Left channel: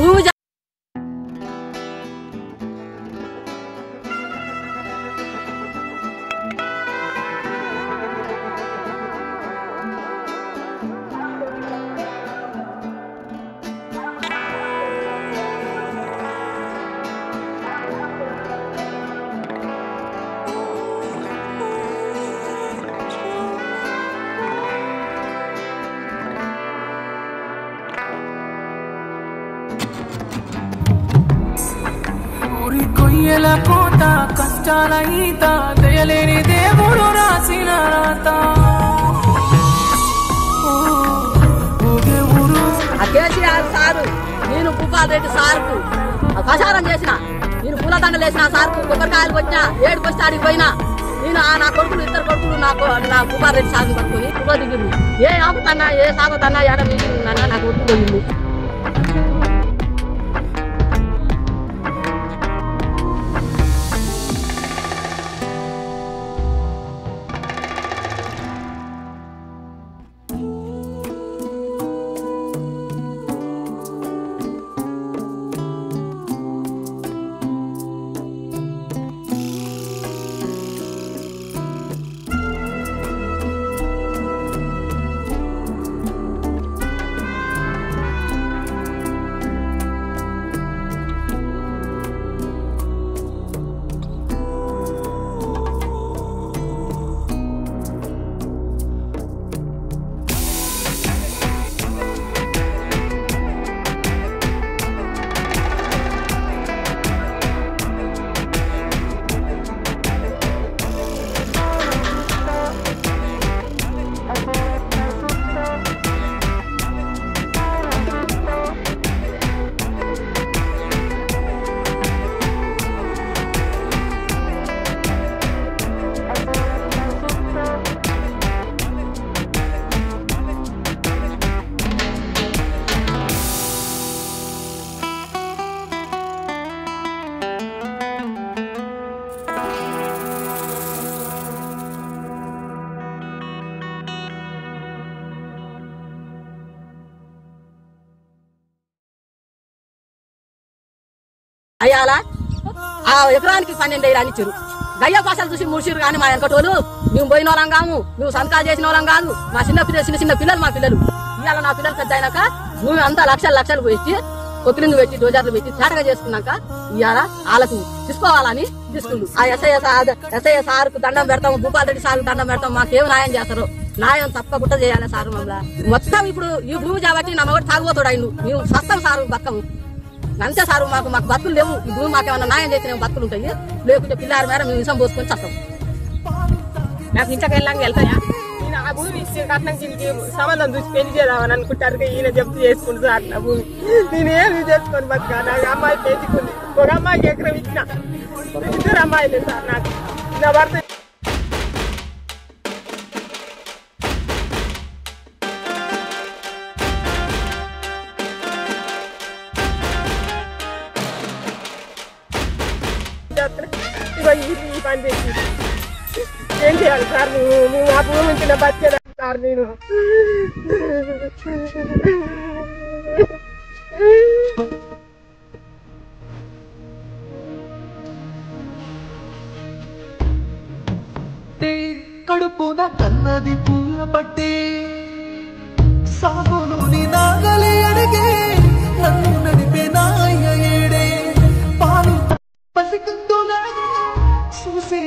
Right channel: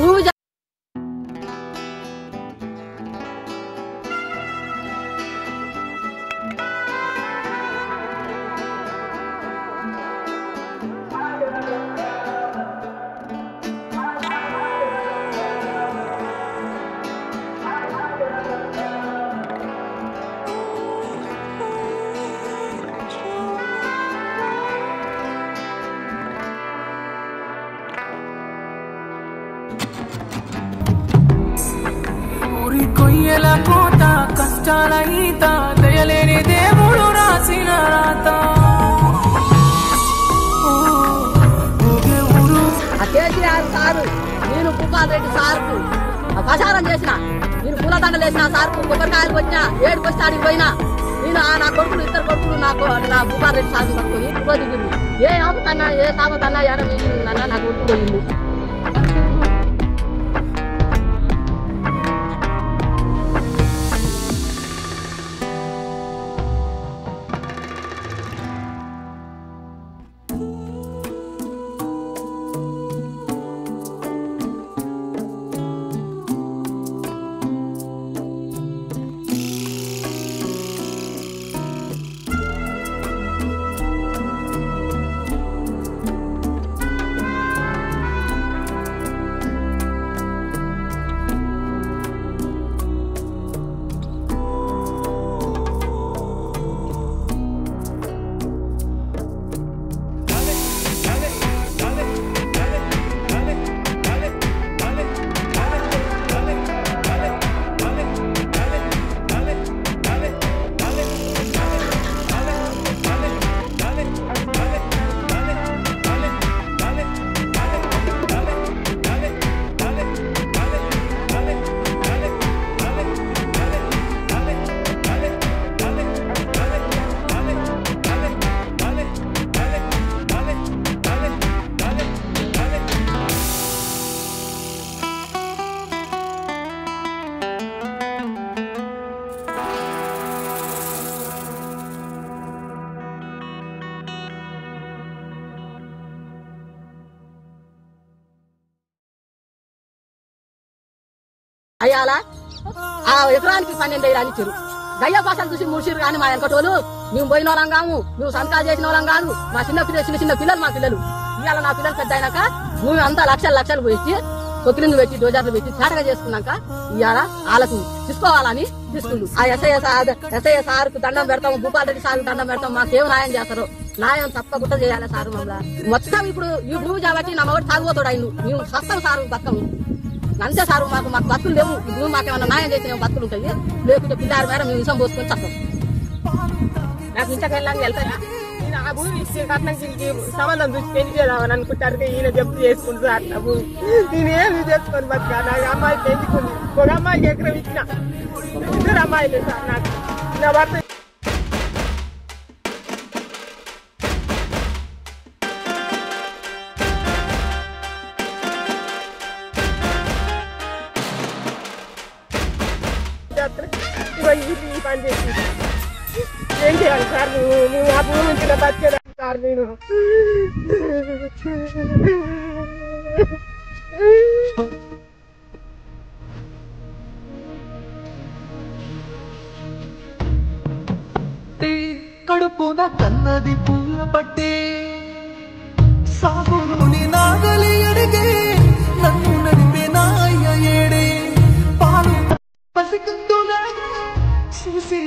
భూమి కొయ్యల కోత కష్టాల ఈత దయలేని దేవుడు రాసిన రాత కేసీఆర్ సారు నేను భూపాల్ రెడ్డి సార్కు ప్రచారం చేసిన నేను పూలదండలు వేసిన సార్కు కొబ్బరికాయలు వచ్చినా ఏడుకు వచ్చి ఆడికి పోయినా నేను నా కొడుకులు ఇద్దరు కొడుకులు నా భూపాల్ రెడ్డి సార్ని పట్టుకుని దిగింది ఏ ఆపుతన్నా ఏ సాగుతన్నా ఏడ మిగిలిందన్నా నా కొడుకు పోయింది. అయ్యాలా ఆ ఎకరానికి 12,000 ఇచ్చారు. గయ్య పాసాలు చూసి ముడిసిరు కానీ మా వెనకటోళ్ళు మేము పోయిన వాళ్ళం కాము, మేము సంతకాలు చేసిన వాళ్ళం కాదు. మా చిన్న పిల్లలు మా పిల్లలు ఇవాళ నా పిల్లలు పెద్ద అయినాక మేము అంతా లక్షలు పెట్టి కొత్తిలిందు పెట్టి డోజర్లు పెట్టి చాటగా చేసుకున్నాక ఇవాళ వాళ్ళకు తీసుకోవాలని తీసుకుంది. ఆ ఎస్ఐ సార్కు దండం పెడతాము, భూపాల్ రెడ్డి సార్కు దండం పెడతాం. మాకేం న్యాయం చేస్తారు, న్యాయం తప్పకుండా చేయాలి సారు. మమ్మల్ని మొత్తం ఇప్పుడు ఈ భూమి కాబట్టి నా మగడు తాగుబోతాడు అయిండు. మేము సస్తం సారు బతకము అంతే సారు. మాకు బతుకులు లేవు. ఈ భూమి మాకేమన్నా న్యాయం చేసిన బతుకులు ఉంటాయి, లేకుంటే పిల్లారి మేర మేము విషం పోసుకొని చస్తాం. నాకు ఇంతకెళ్ళంగా వెళ్తాయా? నేను ఆ భూమి సంబంధం చూసి పెళ్లి చేద్దామని అనుకుంటారు. ఈయన జప్తు చేసుకుంటారు అట్లా భూమి. నేనేమి చేసుకొని బతుకా. నాకు అమ్మాయి పెంచుకుంది, ఒక అమ్మాయికి ఎకరం ఇచ్చిన, 2 అమ్మాయిలే సార్. నాకు నా భర్త ఈ పని చేసి ఏం చేయాలి సార్? మేము ఆ భూమి నుంచి బతికేదా సార్? నేను కడుపున కన్నది పూల పట్టే సాగును నీ నాగలి అడిగే నన్ను నడిపే నాయ ఏడే పాలు పసికందులాగా చూసి